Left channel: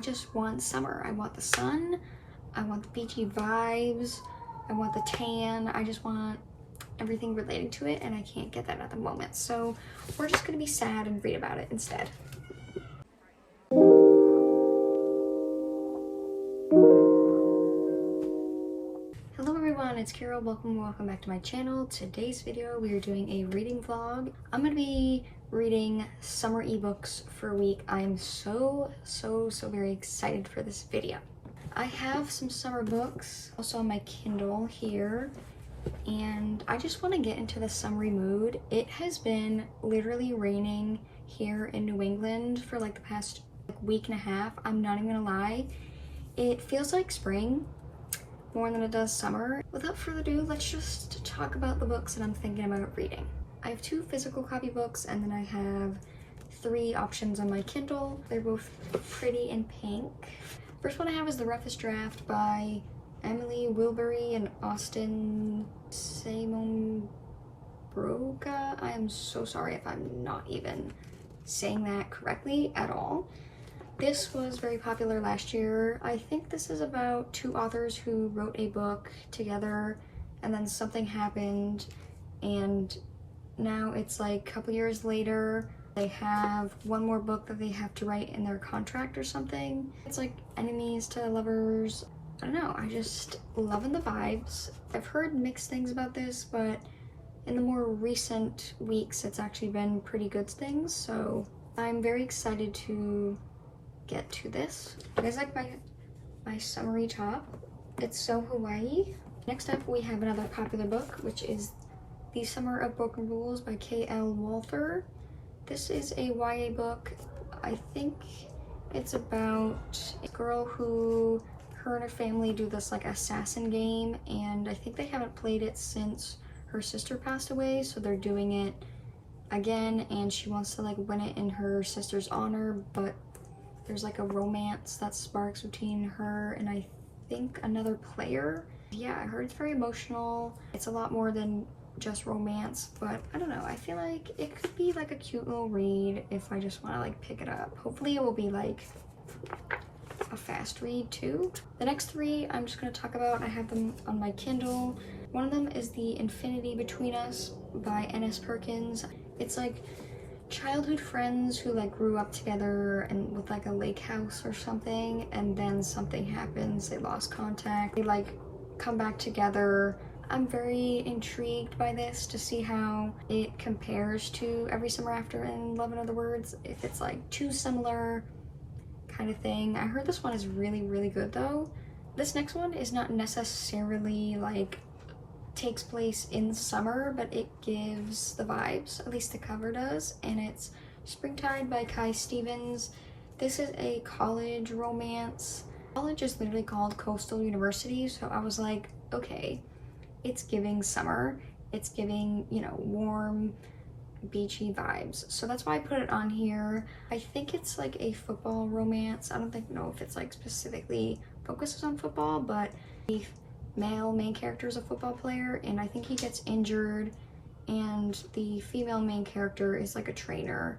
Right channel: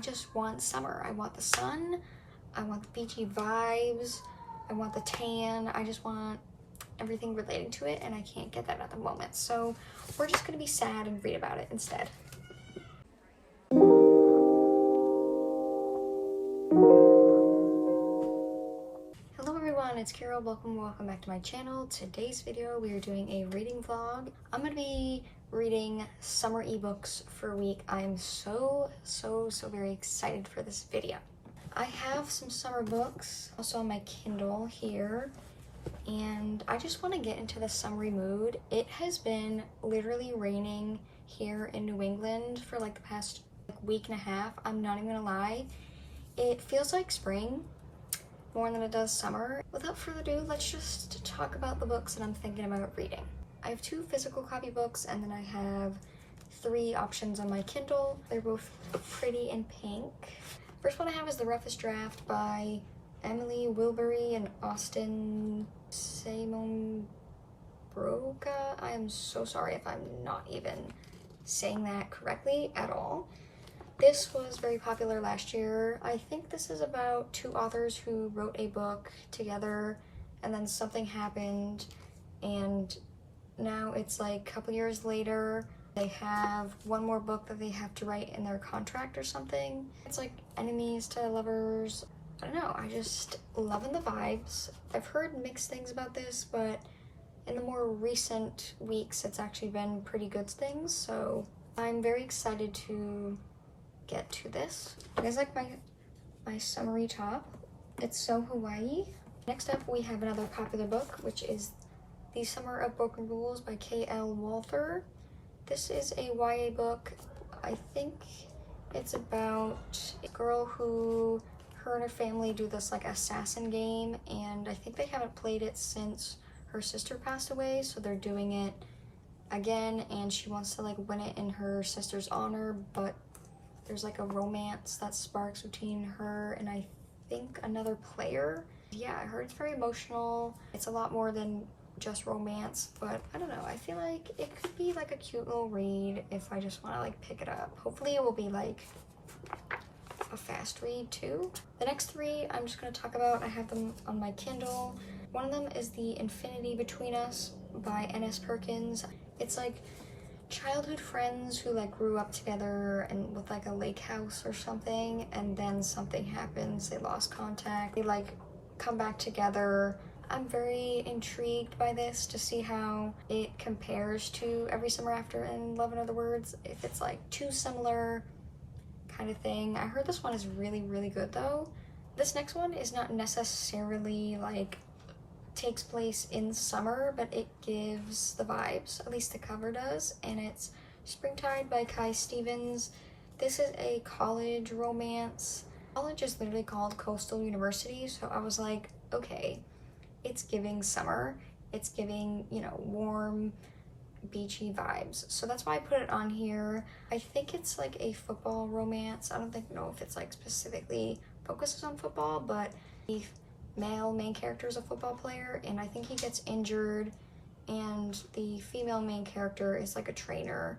I just want summer. I want the sun, I want the beachy vibes, I want the tan, I just want everything related to it, and I can't get that at the moment. So we're just gonna be sad and read about it instead. Hello everyone, it's Kira. Welcome back to my channel. Today's video we are doing a reading vlog. I'm gonna be reading summer ebooks for a week. I am so very excited for this video. I have some summer books also on my Kindle here, and I just want to get into the summery mood. It has been literally raining here in New England for like the past week and a half. I'm not even gonna lie, it feels like spring more than it does summer. Without further ado, let's just talk about the books that I'm thinking about reading. I have 2 physical copy books, and then I have 3 options on my Kindle. They're both pretty and pink. First one I have is The Roughest Draft by Emily Wilbury and Austin Simon Broca. I am so sorry if I'm not even saying that correctly at all. This was very popular last year. I think this is about 2 authors who wrote a book together and then something happened, and now it's like a couple years later they have one more book that they have to write in their contract or something. It's like enemies to lovers. I don't know, I just loving the vibes. I've heard mixed things about this, but in the more recent weeks it's actually been pretty good things, so I'm very excited to get to this. It is like my summery top. It's so Hawaii. Next up we have another popular book, which is The Summer of Broken Rules by K.L. Walther. This is a YA book. I think it's about a girl who, her and her family do this like assassin game, and I think they haven't played it since her sister passed away, so they're doing it again, and she wants to like win it in her sister's honor, but there's like a romance that sparks between her and I think another player. Yeah, I heard it's very emotional. It's a lot more than just romance, but I don't know, I feel like it could be like a cute little read if I just want to like pick it up. Hopefully it will be like a fast read too. The next 3 I'm just going to talk about. I have them on my Kindle. One of them is The Infinity Between Us by N.S. Perkins. It's like childhood friends who like grew up together and with like a lake house or something, and then something happens, they lost contact, they like come back together. I'm very intrigued by this to see how it compares to Every Summer After and Love in Other Words, if it's like too similar kind of thing. I heard this one is really good though. This next one is not necessarily like takes place in summer, but it gives the vibes, at least the cover does, and it's Springtide by Kai Stevens. This is a college romance. College is literally called Coastal University, so I was like, okay, it's giving summer, it's giving, you know, warm beachy vibes, so that's why I put it on here. I think it's like a football romance. I don't know if it's like specifically focuses on football, but the male main character is a football player, and I think he gets injured, and the female main character is like a trainer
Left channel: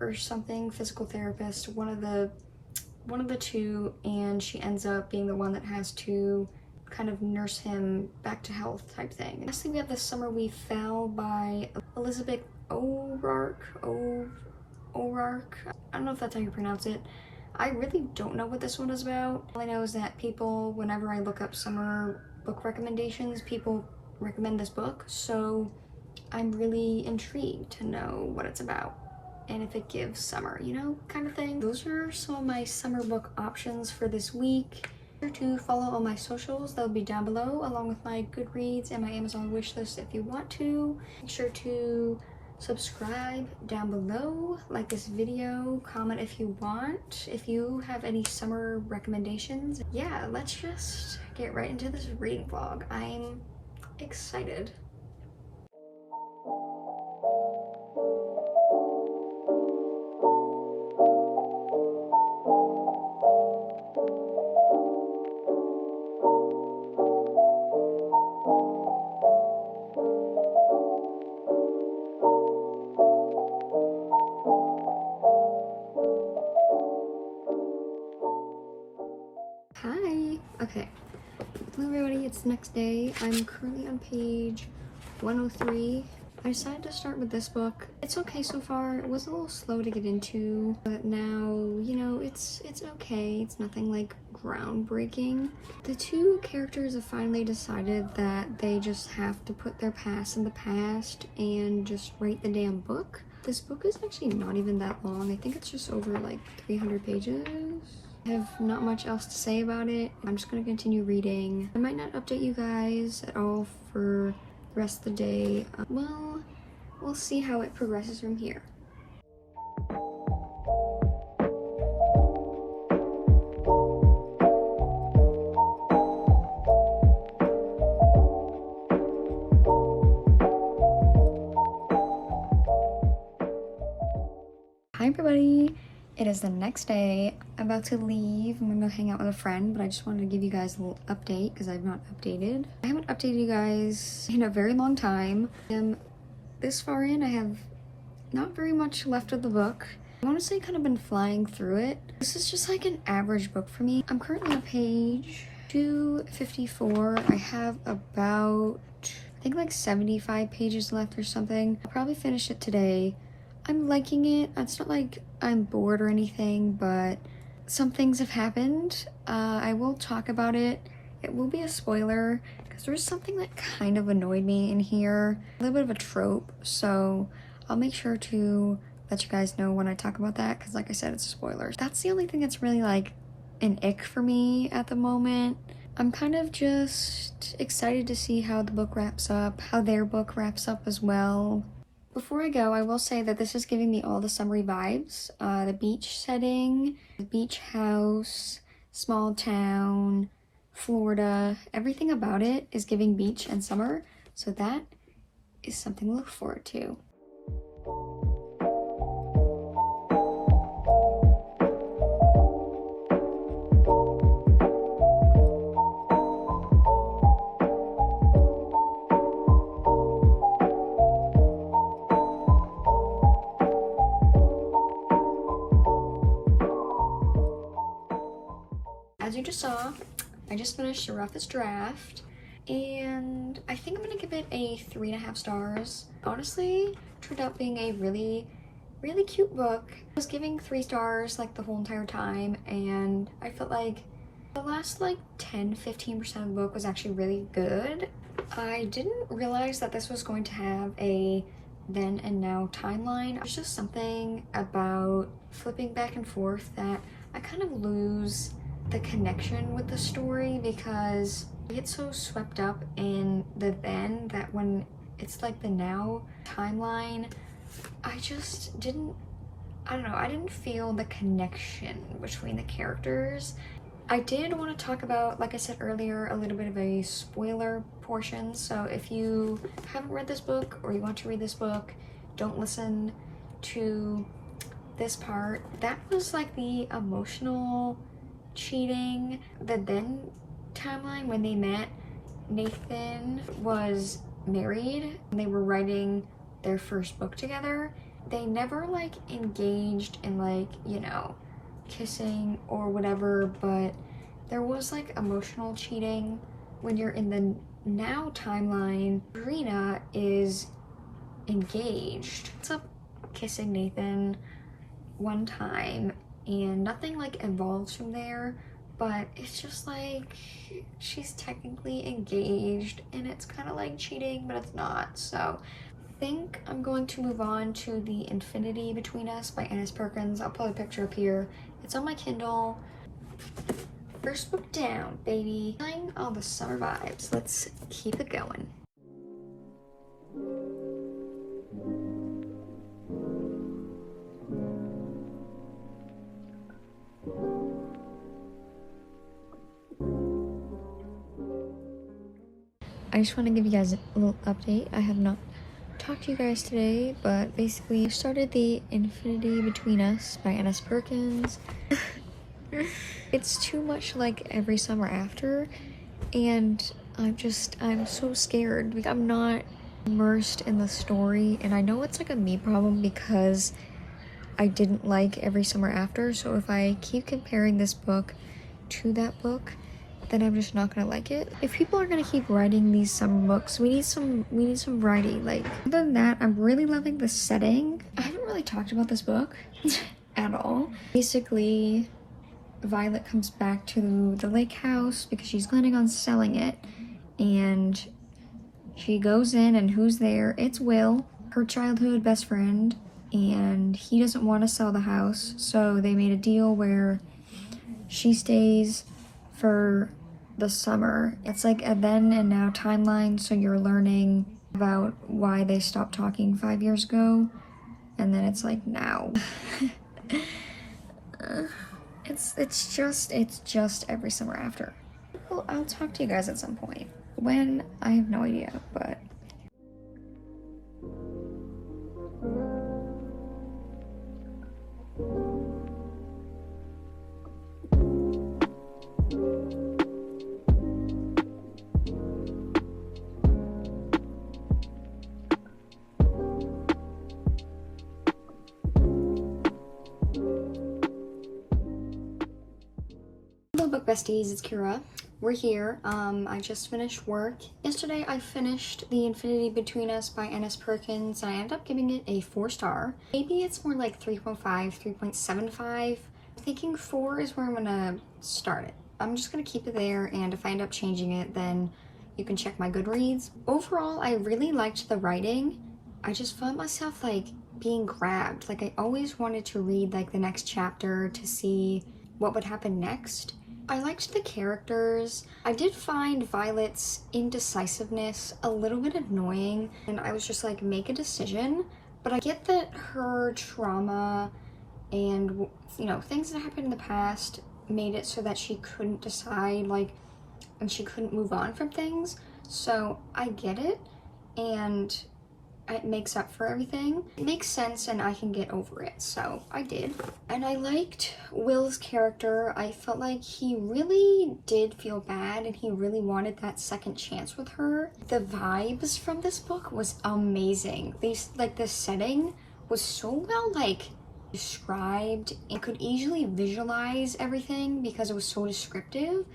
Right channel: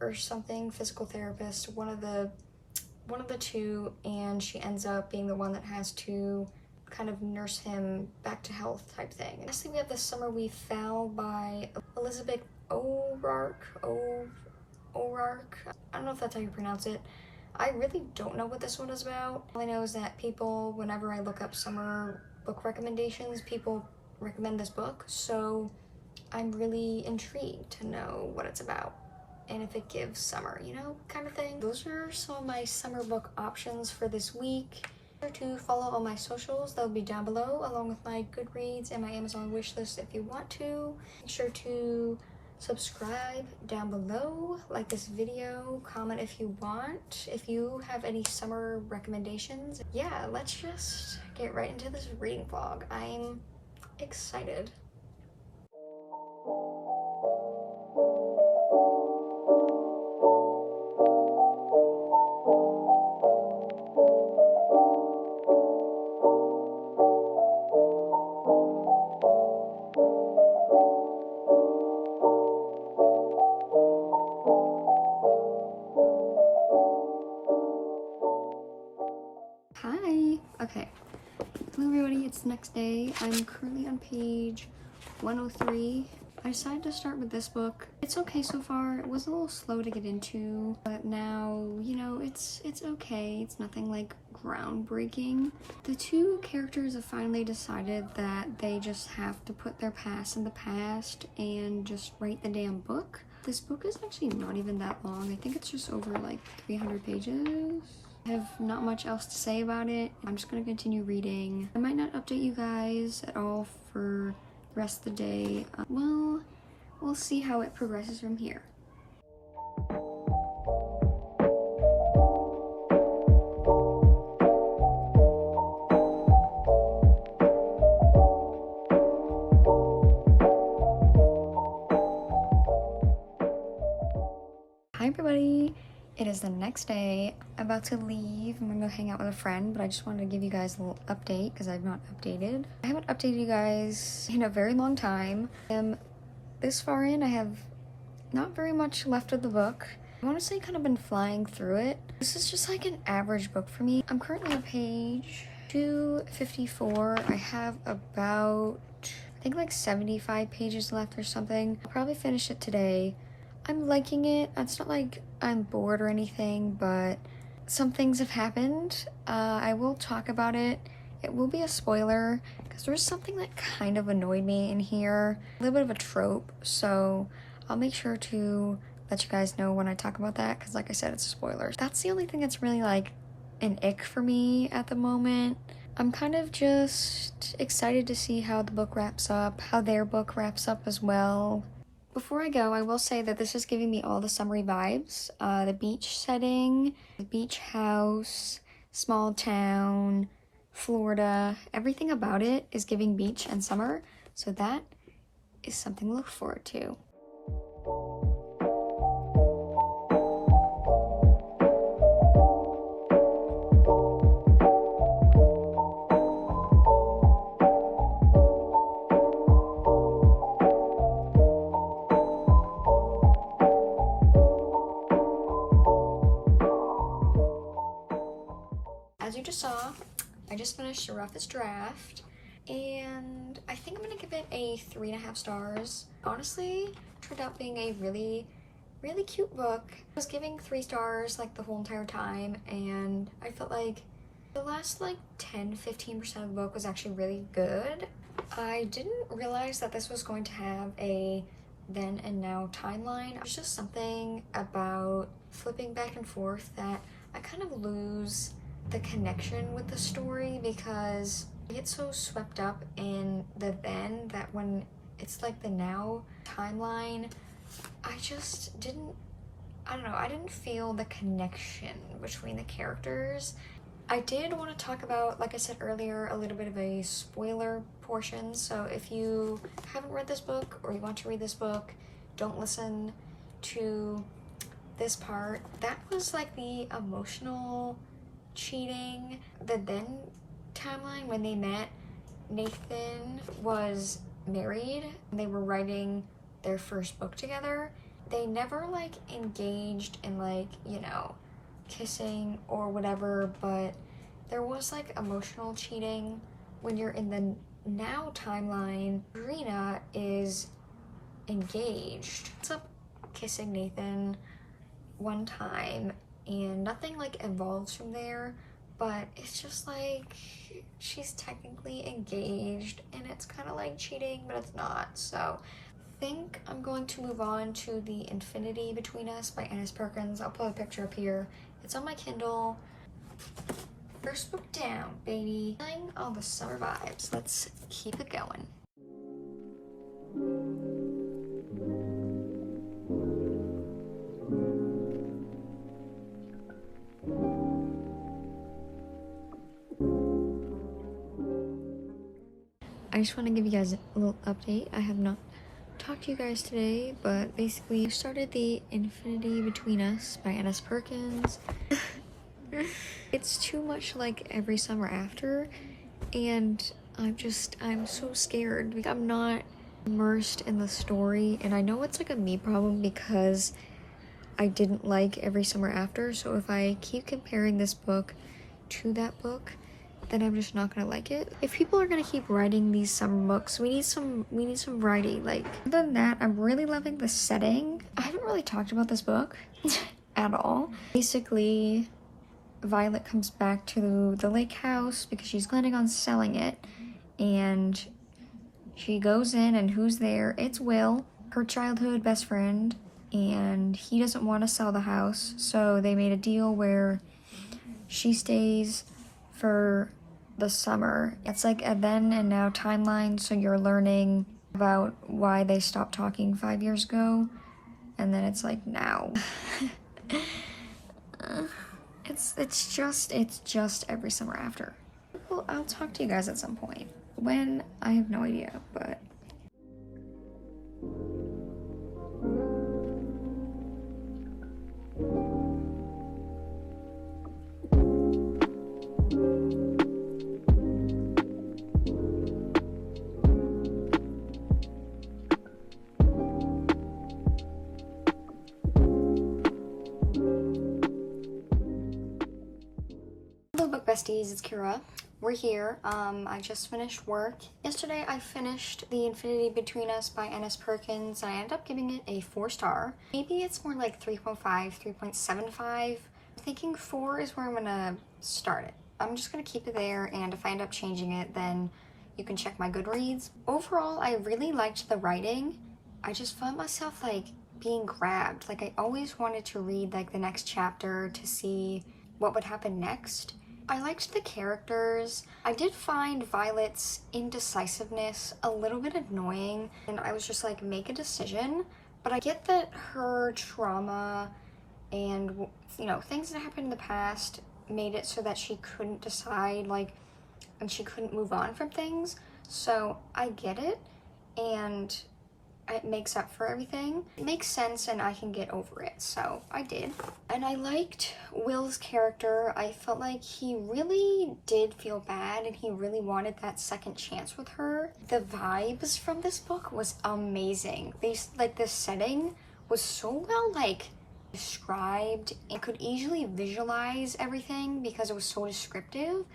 or something, physical therapist, one of the 2, and she ends up being the one that has to kind of nurse him back to health type thing. Lastly, we have The Summer We Fell by Elizabeth O'Rourke. I don't know if that's how you pronounce it. I really don't know what this one is about. All I know is that people, whenever I look up summer book recommendations, people recommend this book, so I'm really intrigued to know what it's about and if it gives summer, you know, kind of thing. Those are some of my summer book options for this week. Make sure to follow all my socials, they'll be down below, along with my Goodreads and my Amazon wishlist if you want to. Make sure to subscribe down below, like this video, comment if you want, if you have any summer recommendations. Yeah, let's just get right into this reading vlog. I'm excited. Okay. Hello everybody, it's the next day. I'm currently on page 103. I decided to start with this book. It's okay so far. It was a little slow to get into, but now, you know, it's okay. It's nothing like groundbreaking. The two characters have finally decided that they just have to put their past in the past and just write the damn book. This book is actually not even that long. I think it's just over like 300 pages. I have not much else to say about it. I'm just gonna continue reading. I might not update you guys at all for the rest of the day. Well, we'll see how it progresses from here. Hi everybody, it is the next day. I'm about to leave. I'm gonna go hang out with a friend, but I just wanted to give you guys a little update because I've not updated. I haven't updated you guys in a very long time. This far in, I have not very much left of the book. I've honestly kind of been flying through it. This is just like an average book for me. I'm currently on page 254. I have about, I think like 75 pages left or something. I'll probably finish it today. I'm liking it. It's not like I'm bored or anything, but some things have happened. I will talk about it. It will be a spoiler because there's something that kind of annoyed me in here. A little bit of a trope, so I'll make sure to let you guys know when I talk about that because like I said, it's a spoiler. That's the only thing that's really like an ick for me at the moment. I'm kind of just excited to see how the book wraps up, how their book wraps up as well. Before I go, I will say that this is giving me all the summery vibes. The beach setting, the beach house, small town, Florida, everything about it is giving beach and summer. So that is something to look forward to. As you just saw, I just finished the roughest draft, and I think I'm gonna give it a 3.5 stars. Honestly, turned out being a really cute book. I was giving 3 stars like the whole entire time, and I felt like the last like 10-15% of the book was actually really good. I didn't realize that this was going to have a then and now timeline. There's just something about flipping back and forth that I kind of lose the connection with the story because I get so swept up in the then that when it's like the now timeline, I just didn't, I don't know, I didn't feel the connection between the characters. I did want to talk about, like I said earlier, a little bit of a spoiler portion. So if you haven't read this book or you want to read this book, don't listen to this part. That was like the emotional cheating. The then timeline when they met, Nathan was married and they were writing their first book together. They never like engaged in like, you know, kissing or whatever, but there was like emotional cheating. When you're in the now timeline, Serena is engaged. Ends up kissing Nathan one time and nothing like evolves from there, but it's just like she's technically engaged and it's kind of like cheating, but it's not. So I think I'm going to move on to The Infinity Between Us by Annis Perkins. I'll put a picture up here. It's on my Kindle. First book down, baby. Feeling all the summer vibes. Let's keep it going. I just want to give you guys a little update. I have not talked to you guys today, but basically I started The Infinity Between Us by Annis Perkins. It's too much like Every Summer After, and I'm so scared. I'm not immersed in the story, and I know it's like a me problem because I didn't like Every Summer After, so if I keep comparing this book to that book, then I'm just not gonna like it. If people are gonna keep writing these summer books, we need some writing. Like, other than that, I'm really loving the setting. I haven't really talked about this book at all. Basically, Violet comes back to the lake house because she's planning on selling it, and she goes in, and who's there? It's Will, her childhood best friend, and he doesn't want to sell the house, so they made a deal where she stays for the summer. It's like a then and now timeline, so you're learning about why they stopped talking 5 years ago, and then it's like now. It's just every summer after. Well, I'll talk to you guys at some point. When, I have no idea, but hello book besties, it's Kira. We're here. I just finished work. Yesterday I finished The Infinity Between Us by Ennis Perkins, and I ended up giving it a 4-star. Maybe it's more like 3.5, 3.75. I'm thinking 4 is where I'm gonna start it. I'm just gonna keep it there, and if I end up changing it, then you can check my Goodreads. Overall, I really liked the writing. I just found myself like being grabbed. Like, I always wanted to read like the next chapter to see what would happen next. I liked the characters. I did find Violet's indecisiveness a little bit annoying, and I was just like, make a decision. But I get that her trauma and, you know, things that happened in the past made it so that she couldn't decide, like, and she couldn't move on from things. So I get it, and it makes up for everything. It makes sense, and I can get over it, so I did. And I liked Will's character. I felt like he really did feel bad, and he really wanted that second chance with her. The vibes from this book was amazing. The setting was so well, like, described. I could easily visualize everything because it was so descriptive.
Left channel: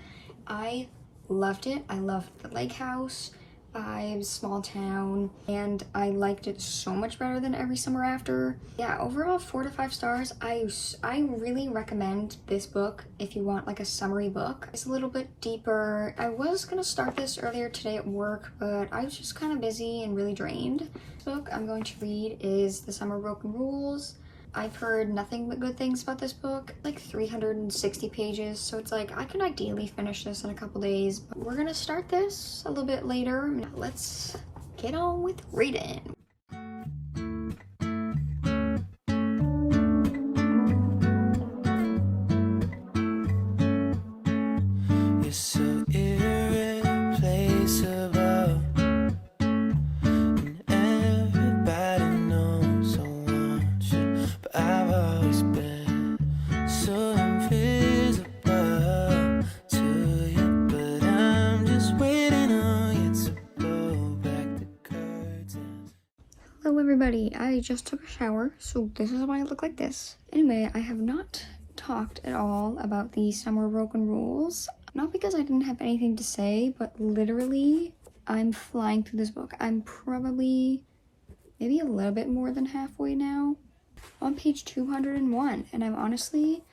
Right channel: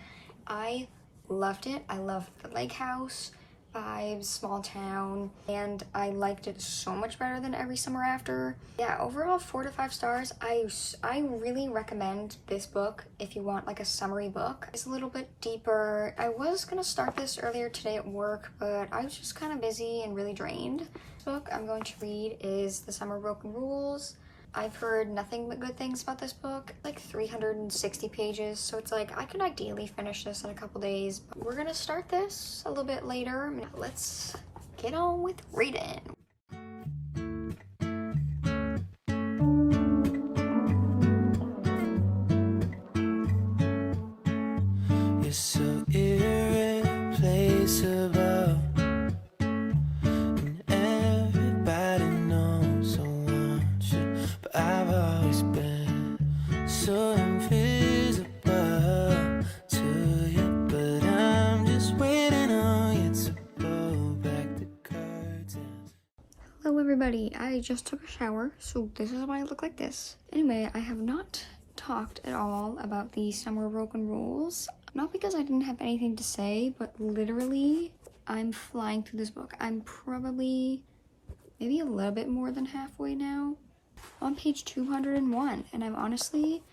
I loved it. I loved the lake house vibes, small town, and I liked it so much better than Every Summer After. Yeah, overall 4 to 5 stars. I really recommend this book if you want like a summary book. It's a little bit deeper. I was gonna start this earlier today at work, but I was just kind of busy and really drained. This book I'm going to read is The Summer Broken Rules. I've heard nothing but good things about this book, like 360 pages, so it's like I can ideally finish this in a couple days. But we're gonna start this a little bit later. Now let's get on with reading. You're so irreplaceable, and everybody knows I want you, but I've always been so invisible to you. But I'm just waiting on you to blow back the curtains. Hello everybody, I just took a shower, so this is why I look like this. Anyway, I have not talked at all about the Summer Broken Rules. Not because I didn't have anything to say, but literally, I'm flying through this book. I'm probably maybe a little bit more than halfway now. On page 201, and I'm honestly,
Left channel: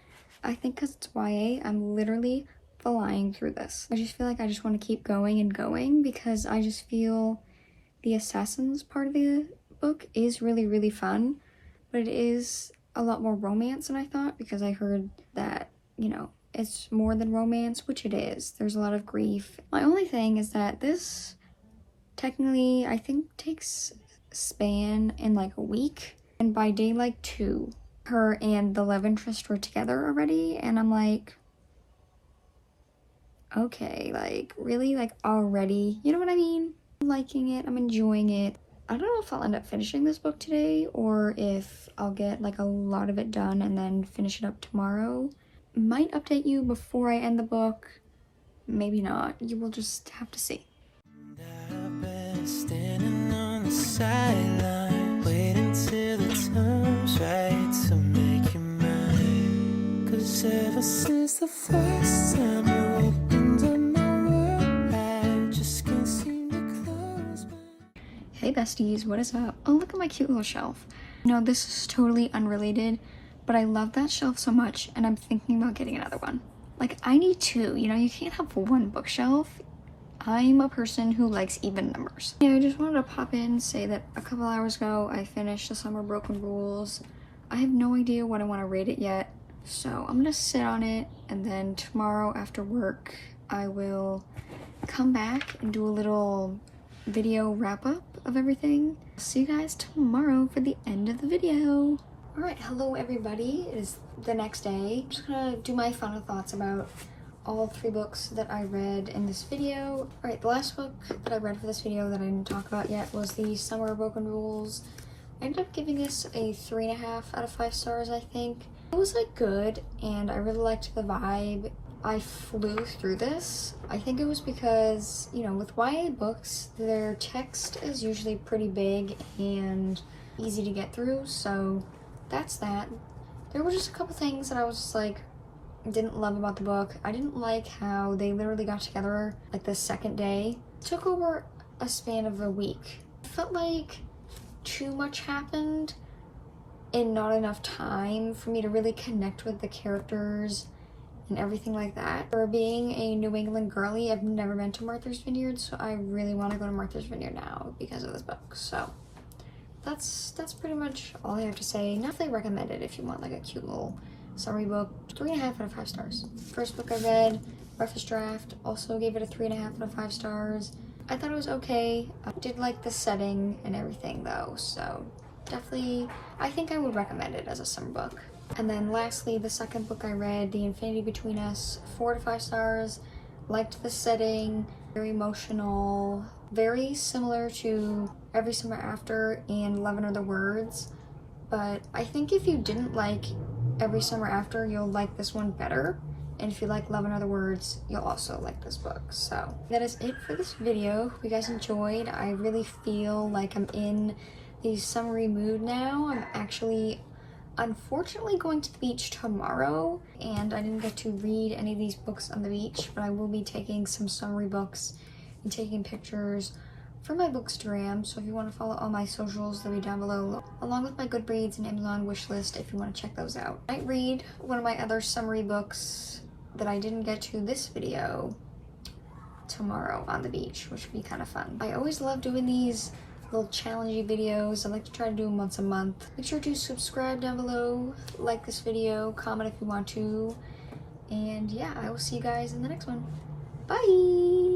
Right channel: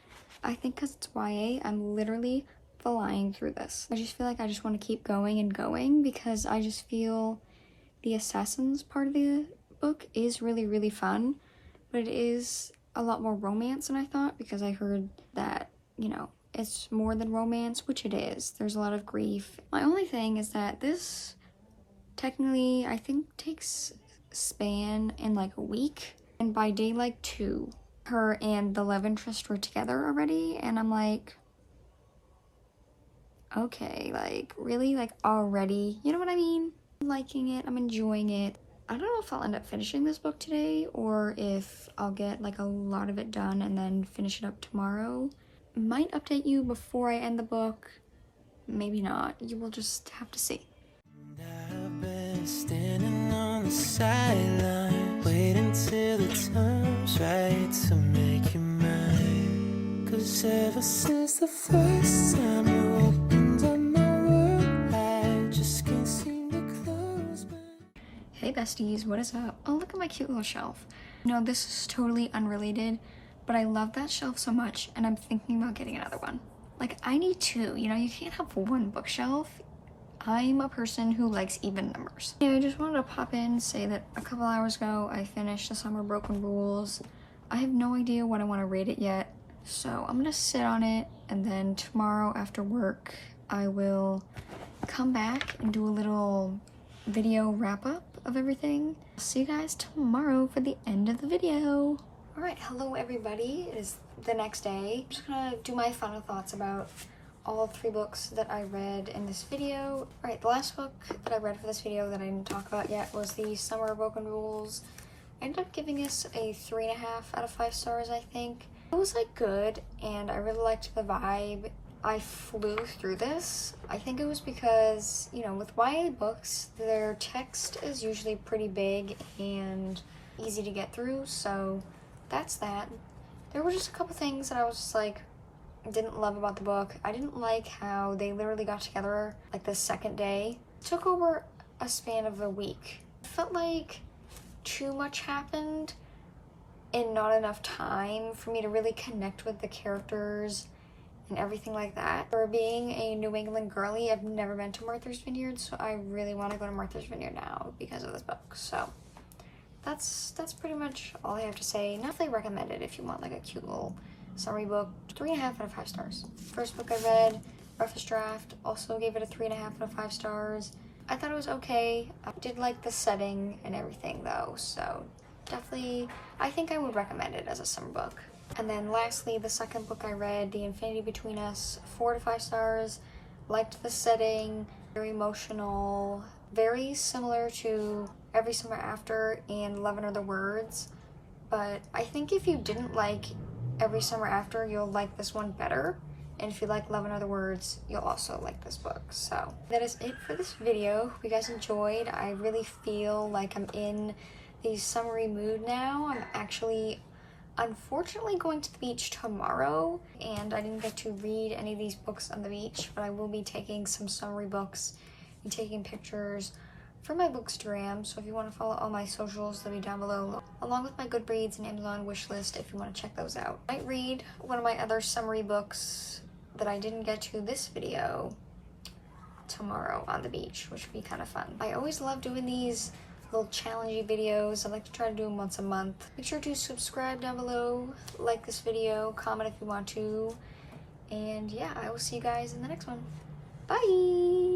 I think because it's YA, I'm literally flying through this. I just feel like I just want to keep going and going because I just feel the assassins part of the book is really, really fun, but it is a lot more romance than I thought because I heard that, you know, it's more than romance, which it is. There's a lot of grief. My only thing is that this technically, I think, takes span in like a week. And by day like 2, her and the love interest were together already. And I'm like, okay, like really, like already, you know what I mean? I'm liking it, I'm enjoying it. I don't know if I'll end up finishing this book today or if I'll get like a lot of it done and then finish it up tomorrow. Might update you before I end the book, maybe not. You will just have to see. I've been standing on the sideline, waiting till the time's right to make you mine. 'Cause ever since the first time you opened up my Hey besties, what is up? Oh, look at my cute little shelf. No, this is totally unrelated, but I love that shelf so much and I'm thinking about getting another one. Like, I need two, you know, you can't have one bookshelf. I'm a person who likes even numbers. Yeah, I just wanted to pop in, say that a couple hours ago I finished The Summer Broken Rules. I have no idea what I want to rate it yet, so I'm gonna sit on it, and then tomorrow after work I will come back and do a little video wrap up of everything. See you guys tomorrow for the end of the video. All right, hello everybody. It is the next day. I'm just gonna do my final thoughts about all 3 books that I read in this video. All right, the last book that I read for this video that I didn't talk about yet was The Summer Broken Rules. I ended up giving this a 3.5 out of 5 stars, I think. It was like good, and I really liked the vibe. I flew through this. I think it was because, you know, with YA books, their text is usually pretty big and easy to get through, so that's that. There were just a couple things that I was just like, didn't love about the book. I didn't like how they literally got together like the second day. It took over a span of a week. It felt like too much happened in not enough time for me to really connect with the characters and everything like that. For being a New England girly, I've never been to Martha's Vineyard, so I really want to go to Martha's Vineyard now because of this book. So that's pretty much all I have to say. Definitely recommend it if you want like a cute little summary book. 3.5 out of 5 stars. First book I read, Rough Draft, also gave it a 3.5 out of 5 stars. I thought it was okay. I did like the setting and everything though, so definitely I think I would recommend it as a summer book. And then lastly, the second book I read, The Infinity Between Us, 4 to 5 stars. Liked the setting, very emotional, very similar to Every Summer After and 11 Other Words. But I think if you didn't like Every Summer After, you'll like this one better. And if you like 11 Other Words, you'll also like this book. So that is it for this video. Hope you guys enjoyed. I really feel like I'm in the summery mood now. I'm actually unfortunately going to the beach tomorrow, and I didn't get to read any of these books on the beach, but I will be taking some summery books and taking pictures for my Bookstagram. So if you want to follow all my socials, they'll be down below, along with my Goodreads and Amazon wishlist if you want to check those out. I might read one of my other summery books that I didn't get to this video tomorrow on the beach, which would be kind of fun. I always love doing these little challenging videos. I like to try to do them once a month. Make sure to subscribe down below, like this video, comment if you want to, and yeah, I will see you guys in the next one. Bye!